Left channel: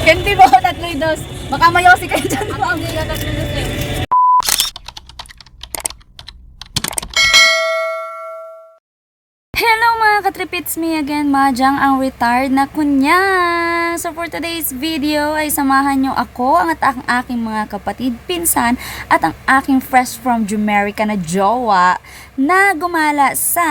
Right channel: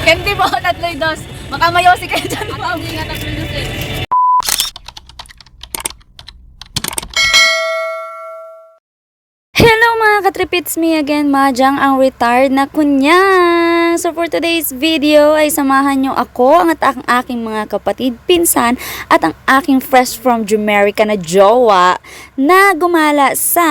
Candy mo, tatlo'y dos. Baka mayosi kayo dyan. Ang mga tatlo'y dos eh. Hello mga katripits, me again, Majang, ang retired na kunya. So for today's video ay samahan nyo ako, ang at ang aking mga kapatid, pinsan, at ang aking fresh from Jamaica na jowa na gumala sa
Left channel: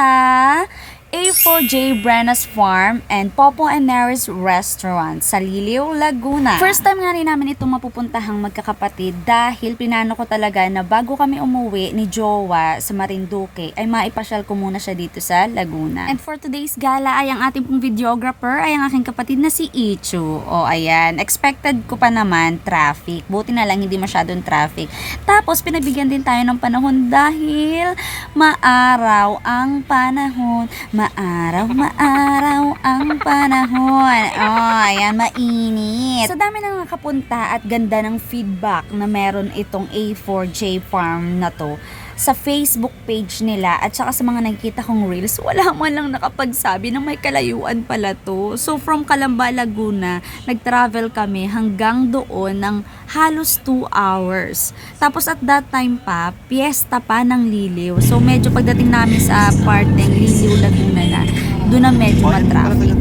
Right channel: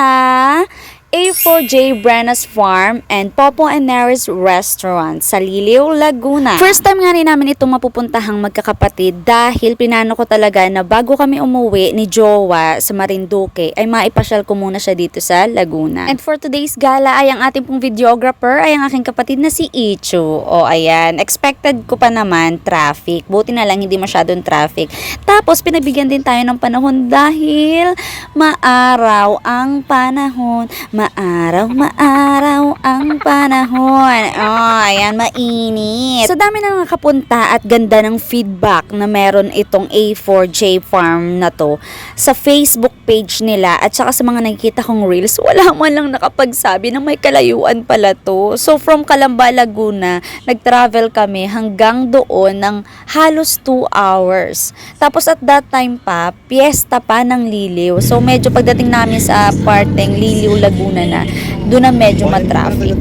A4J Brenas Farm and Popo and Mary's Restaurant sa Liliw, Laguna. First time nga rin namin itong mapupuntahang magkakapatid dahil pinano ko talaga na bago kami umuwi ni Jowa sa Marinduque ay maipasyal ko muna siya dito sa Laguna. And for today's gala ay ang ating pong videographer ay ang aking kapatid na si Ichu. O ayan, expected ko pa naman traffic. Buti na lang hindi masyadong traffic. Tapos pinabigyan din tayo ng panahon dahil maaraw ang panahon. Maaraw, maaraw ang panahon. Oh, ayan, mainit. So, dami na nakapunta at ganda ng feedback na meron itong A4J Farm na to sa Facebook page nila at saka sa mga nakikita kong reels, wala man lang nakapagsabi na may kalayuan pala to. So, from Calamba, Laguna, nag-travel kami hanggang doon ng halos 2 hours. Tapos at that time pa, piyesta pa ng Liliw. So, medyo pagdating namin sa parteng Liliw, Laguna na, doon na medyo matraffic.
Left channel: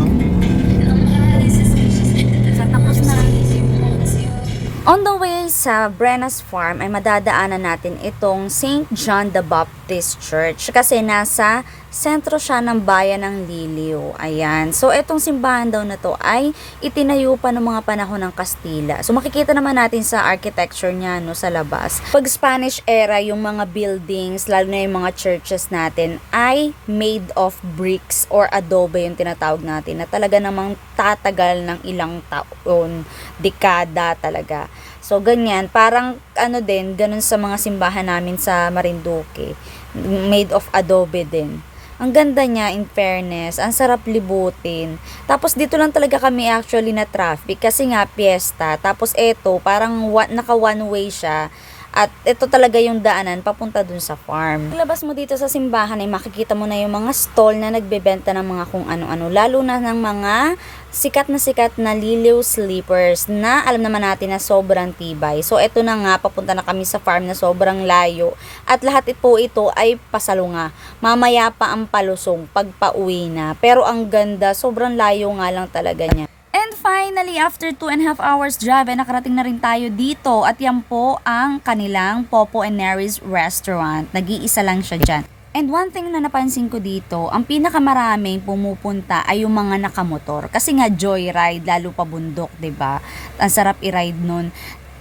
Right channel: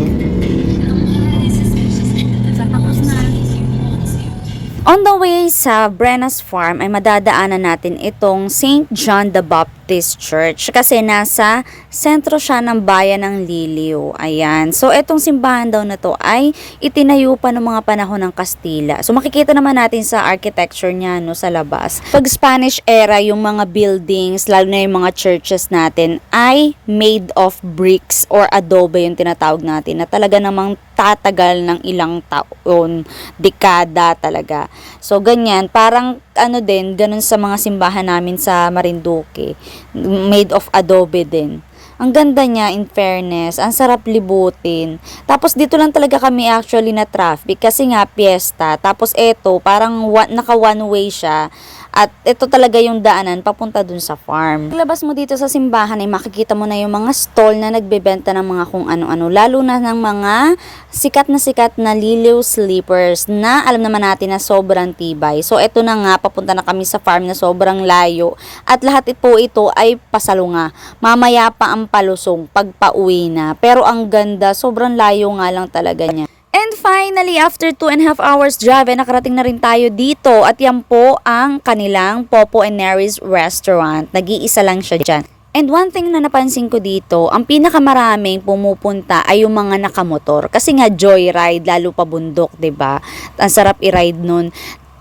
On the way sa Brenas Farm ay madadaanan natin itong St. John the Baptist Church kasi nasa sentro siya ng bayan ng Liliw. Ayan. So itong simbahan daw na to ay itinayo pa ng mga panahon ng Kastila. So makikita naman natin sa architecture niya no sa labas. Pag Spanish era yung mga buildings lalo na yung mga churches natin ay made of bricks or adobe yung tinatawag natin na talaga namang tatagal ng ilang taon, dekada talaga. So, ganyan. Parang, ano din, ganun sa mga simbahan namin sa Marinduque. Made of adobe din. Ang ganda niya, in fairness. Ang sarap libutin. Tapos, dito lang talaga kami actually na traffic kasi nga, piyesta. Tapos, eto, parang naka one way siya. At ito talaga yung daanan papunta dun sa farm. Paglabas mo dito sa simbahan ay makikita mo na yung mga stall na nagbebenta ng mga kung ano-ano. Lalo na ng mga sikat na sikat na liliw sleepers na alam naman natin na sobrang tibay. So ito na nga, papunta na kami sa farm na sobrang layo. At lahat po ito ay pasalunga. Mamaya pa ang palusong pag pauwi na. Pero ang ganda, sobrang layo nga lang talaga niya. Finally, after 2 and a half hours drive, nakarating na rin tayo dito. At yan po ang kanilang Popo and Mary's restaurant. Nag-iisa lang siya dyan. And one thing na napansin ko dito, ang pinakamaraming pumupunta ay yung mga nakamotor. Kasi nga joyride, lalo pa bundok, ba? Ang sarap i-ride nun.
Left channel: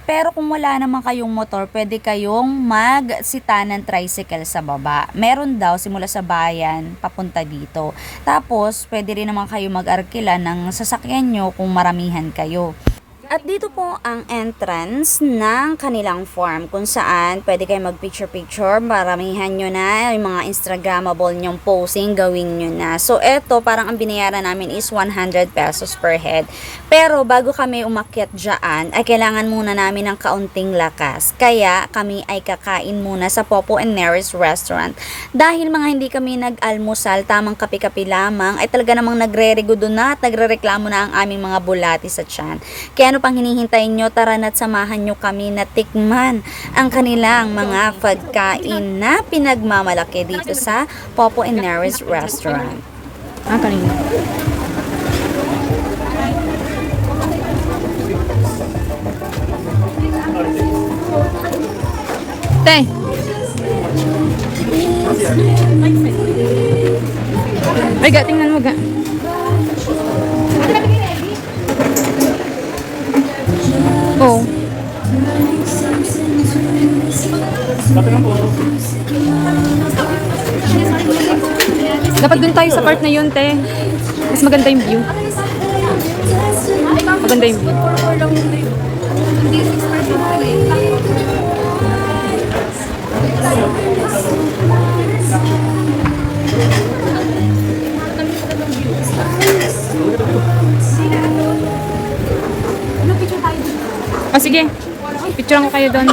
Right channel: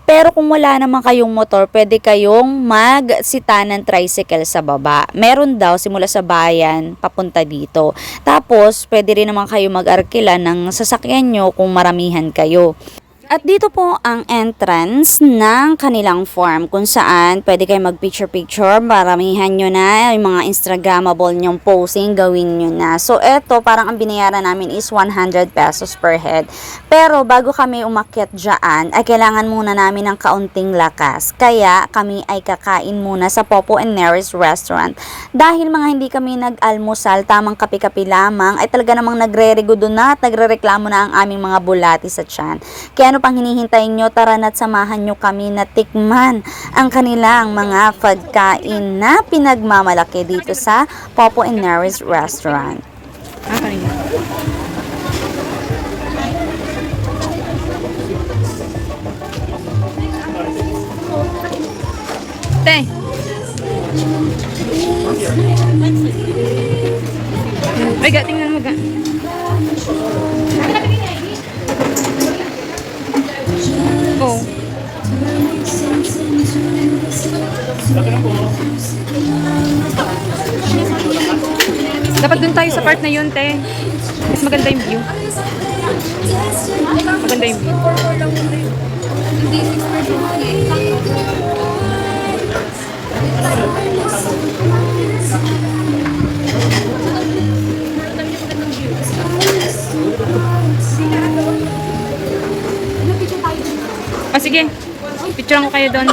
Pero kung wala naman kayong motor, pwede kayong magsita ng tricycle sa baba. Meron daw simula sa bayan papunta dito. Tapos, pwede rin naman kayo mag-arkila ng sasakyan nyo kung maramihan kayo. At dito po ang entrance ng kanilang farm kung saan pwede kayo mag-picture-picture, maramihan nyo na, yung mga Instagrammable nyong posing, gawin nyo na. So, eto, parang ang binayaran namin is 100 pesos per head. Pero, bago kami umakyat dyan, ay kailangan muna namin ng kaunting lakas. Kaya, kami ay kakain muna sa Popo and Mary's Restaurant. Dahil mga hindi kami nag-almusal, tamang kape-kape lamang, ay talaga namang nagre-regudo na at nagre-reklamo na ang aming mga bulati sa tiyan. Kaya ano pang hinihintay nyo, tara na't samahan nyo kami na tikman ang kanilang mga pagkain na pinagmamalaki dito sa Popo and Mary's Restaurant. Ah, kanina. Te. Ay, ga, tingnan mo, ga. Oh. Dapat dun tayo sa part na yun, te. Mas maganda yung view. Maganda yung view. Ah, sige. Picture ko kayo doon.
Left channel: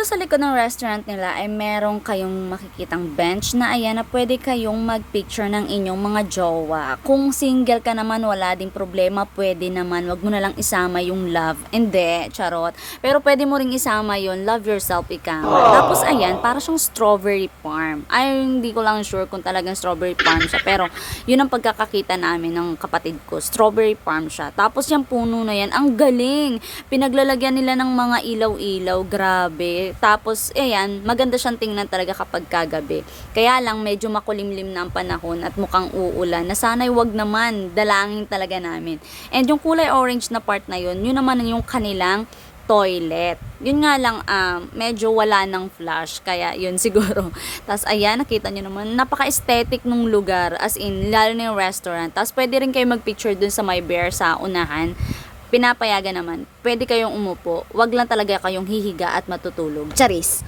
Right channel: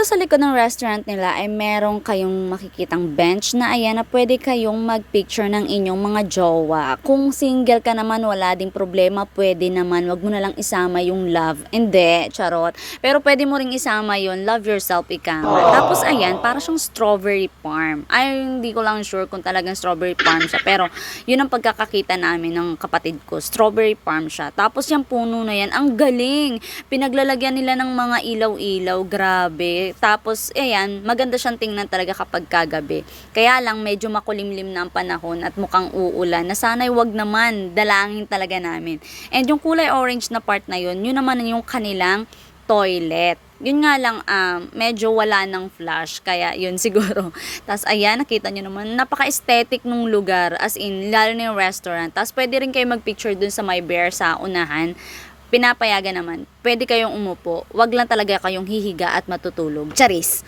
Dito sa likod ng restaurant nila ay meron kayong makikitang bench na ayan na pwede kayong magpicture ng inyong mga jowa. Kung single ka naman, wala ding problema, pwede naman. Wag mo na lang isama yung love. Hindi, charot. Pero pwede mo ring isama yon love yourself ika. Tapos ayan, para siyang strawberry farm. Ay, hindi ko lang sure kung talagang strawberry farm siya. Pero yun ang pagkakakita namin ng kapatid ko. Strawberry farm siya. Tapos yung puno na yan, ang galing. Pinaglalagyan nila ng mga ilaw-ilaw. Grabe. Tapos, ayan, maganda siyang tingnan talaga kapag kagabi. Kaya lang, medyo makulimlim na ang panahon at mukhang uulan. Na sana'y wag naman. Dalangin talaga namin. And yung kulay orange na part na yun, yun naman yung kanilang toilet. Yun nga lang, um, medyo wala ng flash, kaya yun siguro. Tapos ayan, nakita nyo naman, napaka-aesthetic nung lugar, as in, lalo na yung restaurant. Tapos pwede rin kayo magpicture dun sa my bear sa unahan. Pinapayagan naman, pwede kayong umupo, wag lang talaga kayong hihiga at matutulog. Charis!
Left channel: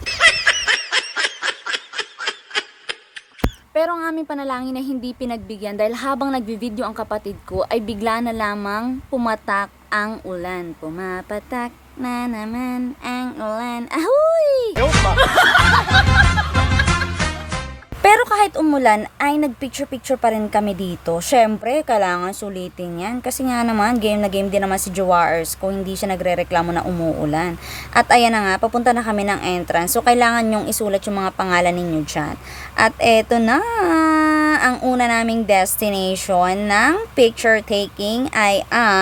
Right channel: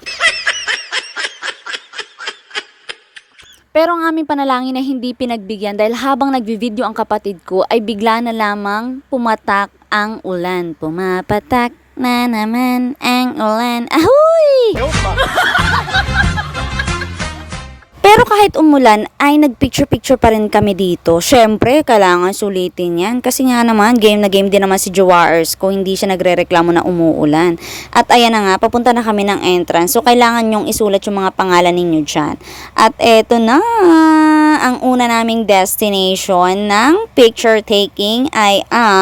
Pero ang aming panalangin ay hindi pinagbigyan dahil habang nagvi-video ang kapatid ko ay bigla na lamang pumatak ang ulan. Pumapatak na naman ang ulan. Ahoy! Pero kahit umulan, ay nagpicture-picture pa rin kami dito. Siyempre, kailangan sulitin yan. Kasi nga naman, game na game din naman si Jowaers ko. Hindi siya nagre-reklamo na umuulan. At ayan na nga, papunta na kami ng entrance. So, kailangan nyong isulat yung mga pangalan ninyo dyan. At eto na, ang una naming destination ng picture taking ay ang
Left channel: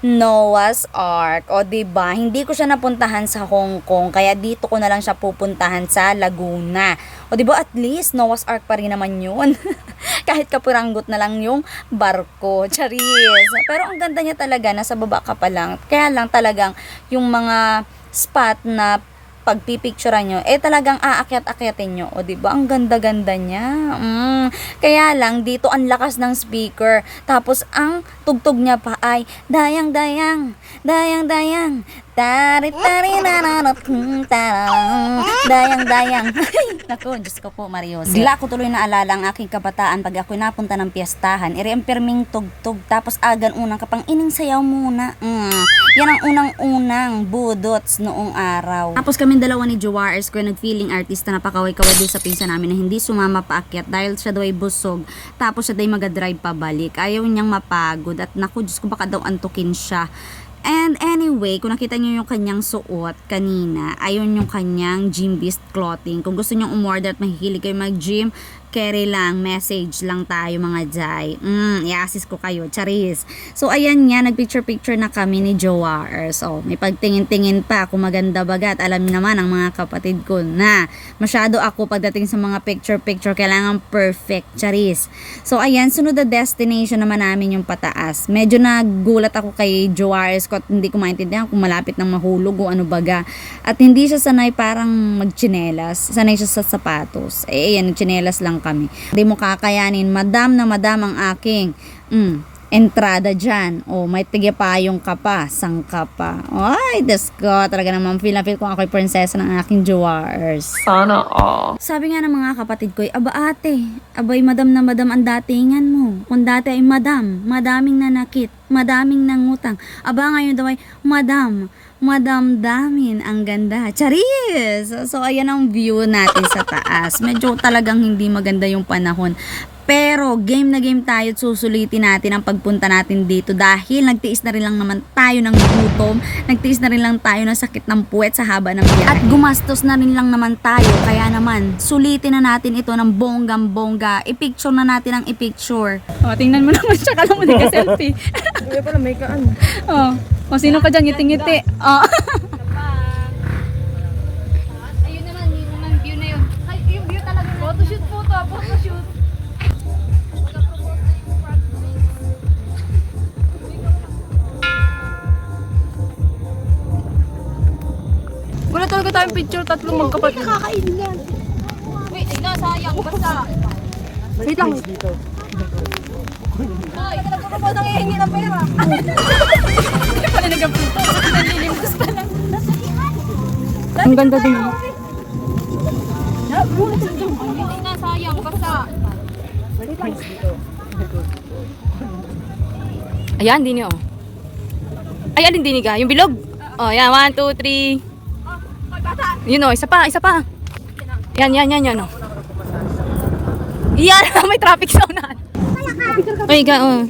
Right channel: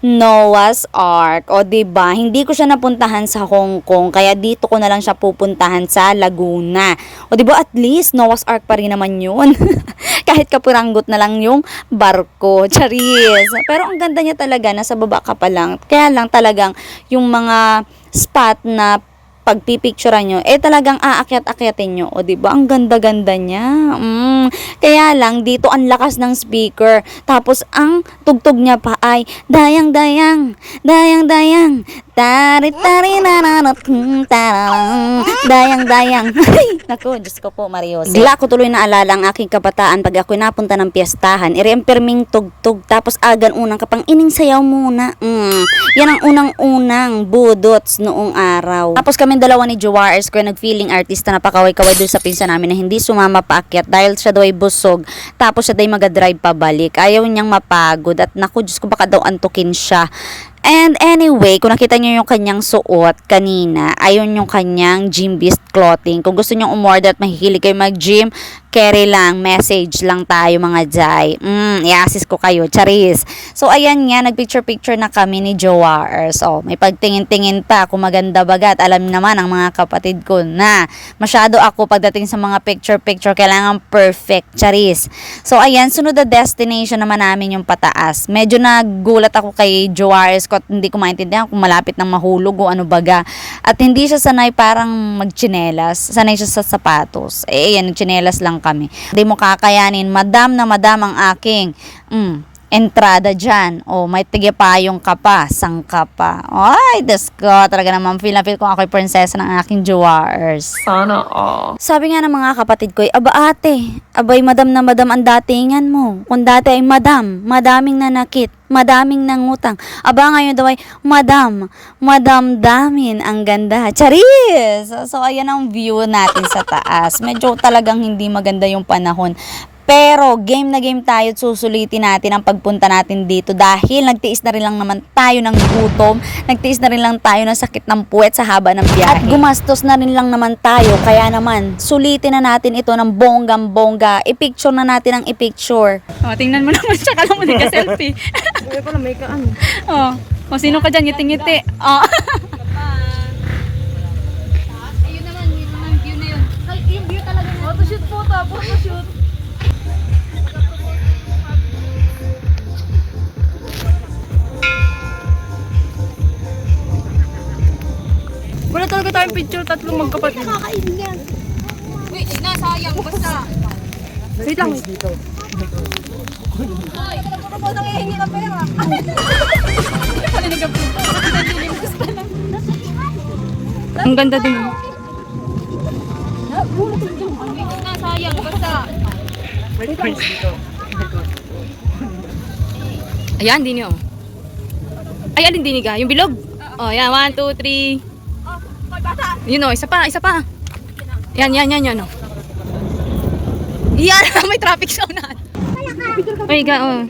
Noah's Ark. O ba? Hindi ko siya napuntahan sa Hong Kong, kaya dito ko na lang siya pupuntahan sa Laguna. O ba? At least Noah's Ark pa rin naman 'yun. Kahit kapuranggot na lang yung barko. Charis. Pero ang ganda niya talaga, nasa baba ka pa lang. Kaya lang talagang yung mga spot na pagpipicturean nyo, eh talagang aakyat-akyatin nyo. O, di ba Ang ganda-ganda niya. Mm. Kaya lang, dito ang lakas ng speaker. Tapos, ang tugtog niya pa ay, dayang-dayang, dayang-dayang, tari-tari nananap, hmm, tarang, dayang-dayang. Ay, naku, Diyos ko po, Marios. Bigla ko tuloy naalala ang aking kabataan pag ako napunta ng piyestahan. Iremperming tugtog, tapos agan unang kapang ining sayaw muna. Mm. Yan ang unang-unang budots noong araw. Tapos kami dalawa ni Jowaers ko nag-feeling artista na pakaway-kaway doon sa pinsa namin na hindi sumama paakyat dahil siya daw ay busog. Tapos siya daw ay magadrive pabalik. Ayaw niyang mapagod at naku, Diyos ko baka daw antukin siya. And anyway, kung nakita niyo yung kanyang suot kanina, ayun yung kanyang gym beast clothing. Kung gusto niyo umorder at mahihilig kayo mag-gym, carry lang, message lang tayo mga jay. Mm, i-assist ko kayo, charis. So ayan nga, nagpicture-picture na kami ni Jowaers. Oh, may pagtingin-tingin pa kung maganda bagat. Alam naman ang mga kapatid ko na masyado ako pagdating sa mga picture-picture, kailangan perfect, charis. So ayan, sunod na destination naman namin yung pataas. Medyo nagulat ako kay Jowares ko at hindi ko maintindihan kung malapit ng mahulog o ano baga. At hindi siya sanay parang magchinelas. Sanay siya sa sapatos. Eh, ayan, chinelas lang kami. Hindi mo kakayanin, madam na madam ang aking mm, entrada dyan. O, may tigipayong ka pa, sangka pa. Ay, Diyos ko, talaga naman, feel na feel kung ako'y prinsesa ng aking Jowares. Sana all. Sabi nga ng mga kapatid ko, aba ate, abay madam na madam ang datingan mo. Kung dati ay madam, madaming nanakit, madaming nangutang. Aba ngayon daw ay madam, madam damin, ang ganda. Charis! So, ayan ang view natin sa taas. Medyo talagang hindi maganda yung panahon. Pero game na game tayo at susulitin natin ang pagpunta natin dito dahil nagtiis na rin lang naman tayo ng gutom, nagtiis na rin lang tayo ng sakit ng puwet sa haba ng biyahe. At gumastos na rin lang naman tayo, kaya naman sulitin na natin ito ng bonggang bongga. I-picture na natin ang i-picture. Oh, tingnan mo naman siya. Kala mo nagka-selfie. oh. O, sino ka dyan? Ngiti-ngiti. Oh. Tayong picture. Tatlong magkapatid. Kakain yan. Wait, no, sayang, basta. Wait lang, wait. Ano po nang hihingi ng pera? Pala nag-upload. Ang ganda din. Ito na, sayang, basta. Ayan, dini oh. Ay, alin dini ka? Yung bilog? Oh, yan. One, two, three. Yun o, isa pa, isa pa. Yan, yan, yan, yan o. Yan, may traffic sa unahan. Uy, ga, oh.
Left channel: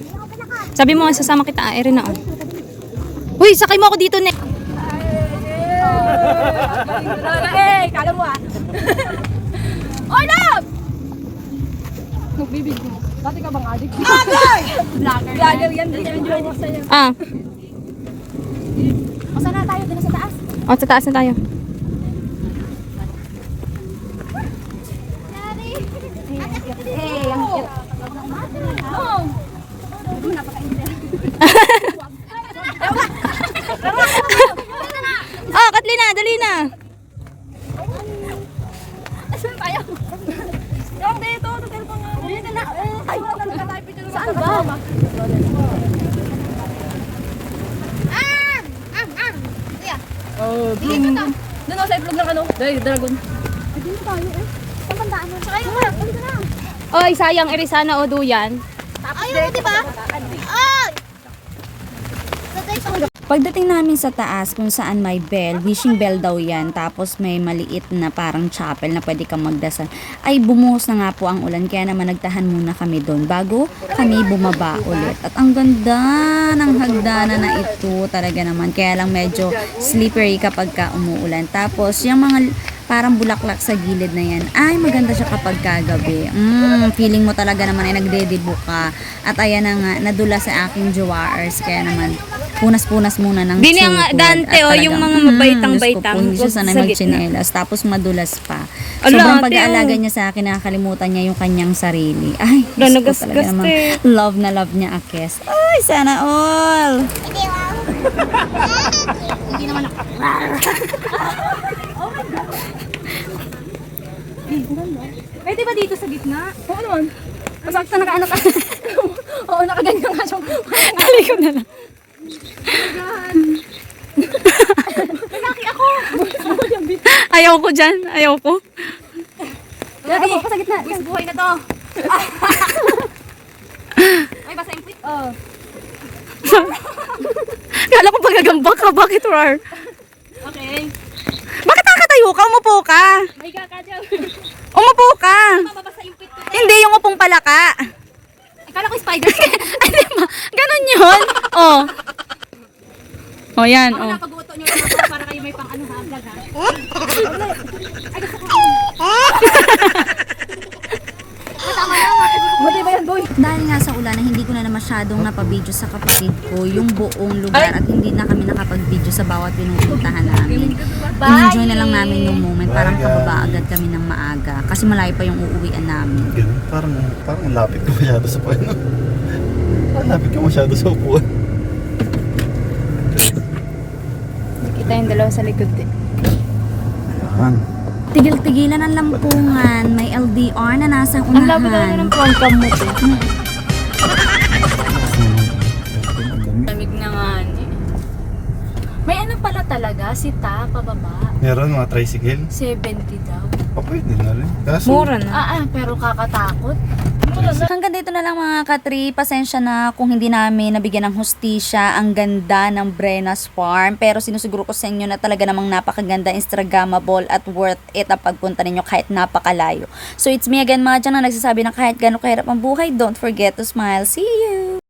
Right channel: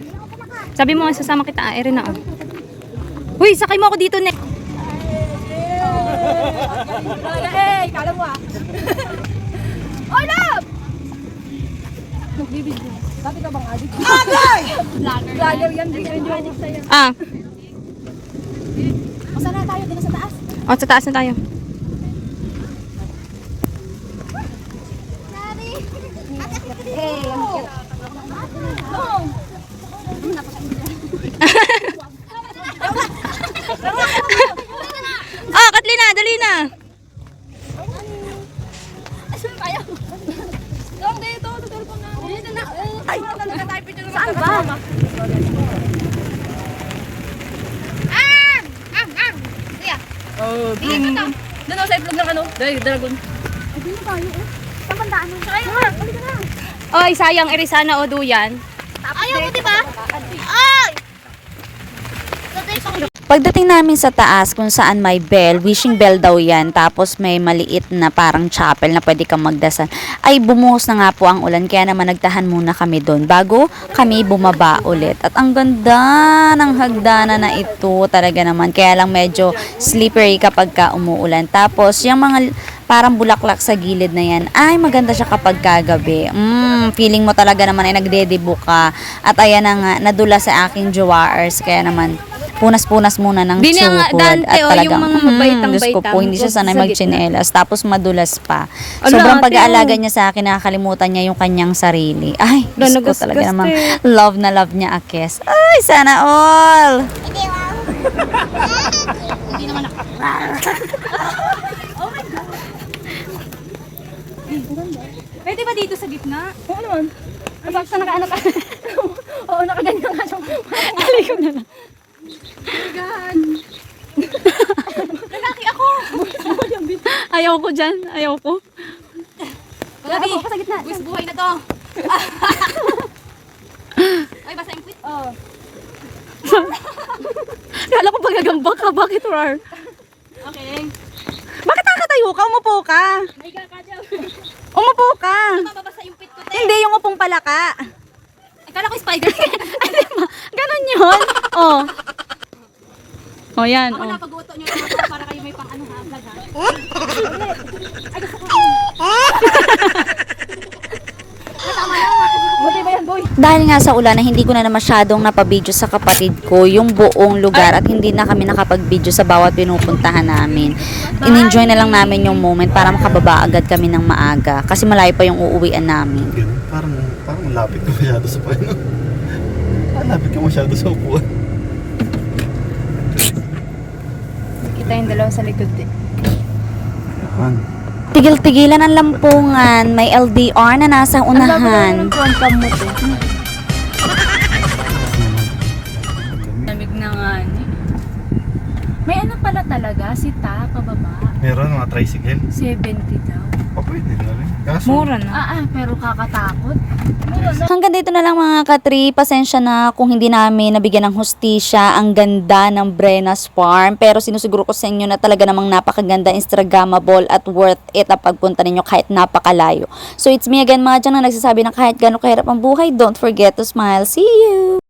Sabi mo, sasama kita, ah, Erin na, oh. Uy, sakay mo ako dito, ne. Hey, kala mo ah. Oy, love! Magbibig ko. Dati ka bang adik? Agay! Vlogger Vlogger yan. Enjoy mo sa'yo. Ah. O saan na tayo? Dito sa taas. O, sa taas na tayo. Hey, ang cute. Ah, Katlina, dali na. Saan tayo? Yung dito, sa cellphone nga. Dito na. Ay, saan ba? Arm! Arm! Kuya. Oh, Dito na. Doon ako sa itlog ng ano, dragon. Dito tayo eh. Saan bandaan mo? Saka yun. Balik ka na. Oy, sayang, Erisana o duyan. Ayaw mo, di ba? Ay! Pagdating namin sa taas kung saan may bell, wishing bell daw yan, tapos may maliit na parang chapel na pwede kang magdasal, ay bumuhos na nga po ang ulan, kaya naman nagtahan muna kami doon bago kami bumaba ulit. At ang ganda ng hagdanan na ito talaga naman, kaya lang medyo slippery kapag ka umuulan. Tapos yung mga parang bulaklak sa gilid na yan, ay maganda siya kapag kagabi. Mm, feeling mo talaga naman ay nagdedibo ka. At ayan na nga, nadula sa aking jowars, kaya naman punas-punas muna ng Di nga, sukod. Dante, At oh, yung mga mm, mabaitang-baitang, Diyos ko po, hindi siya sanay magchinelas. Tapos madulas pa. Ala, Sobrang ate, pag-aalaga oh. niya sa akin, nakakalimutan niya yung kanyang sarili. Ay, Diyos ko talaga naman. Love na love niya Akes. Ay, sana all! Hindi naman ako. Pwede ba dito sa gitna? Oo naman. Masakit na nakaano ka. Oo, nakaganyan nga siya. Alay ko na lang. Lalaki ako. Ayaw ko dyan. Ayaw ko. Lagi. Sa gitna. Buwis buhay na to. Ay, basta yung puwit. Oh. Kala ko pagagambak ka. Bakit, Rar? Okay. Bakit nakatayo ka? Umupo ka. Ay, kakadyo. Umupo ka. Mababasa yung puwit ko. Hindi, yung upong palaka. Akala ko spider. Ay, di ba? Ganon yun. Oh. Oh, yan. Ako Oh. na pag-uto nyo naman para kayo may pang ano ha, vlog ha. Dahil nga sa ulan na hindi ko na, na masyadong napabidyo sa kapatid ko yung buong lugar at hindi na kami nakapag-video sa bawat pinupuntahan namin. In-enjoy na lang namin yung moment para makababa agad kami ng maaga kasi malayo pa yung uuwian namin. Ganun, parang, parang lapit ka masyado sa puwan. Parang lapit ka masyado sa upuan. Kita yung dalawa sa likod eh. Ano? Tigil-tigilan ang lampungan, may LDR na nasa Ang labi naman unahan. ng mo to. Lamig na nga. May ano pala talaga, si Ta, pababa. Meron mga tricycle. 70 daw. O pwede na rin. Kaso, Mura na. Ah, ah, pero kakatakot. Hanggang dito na lang mga katri, pasensya na kung hindi namin nabigyan ng hustisya ang ganda ng Brenas Farm. Pero sinusiguro ko sa inyo na talaga namang napakaganda, Instagrammable at worth it ang pagpunta ninyo kahit napakalayo. So it's me again, Maja, na nagsasabi na kahit gano'ng kahirap ang buhay, don't forget to smile. See you!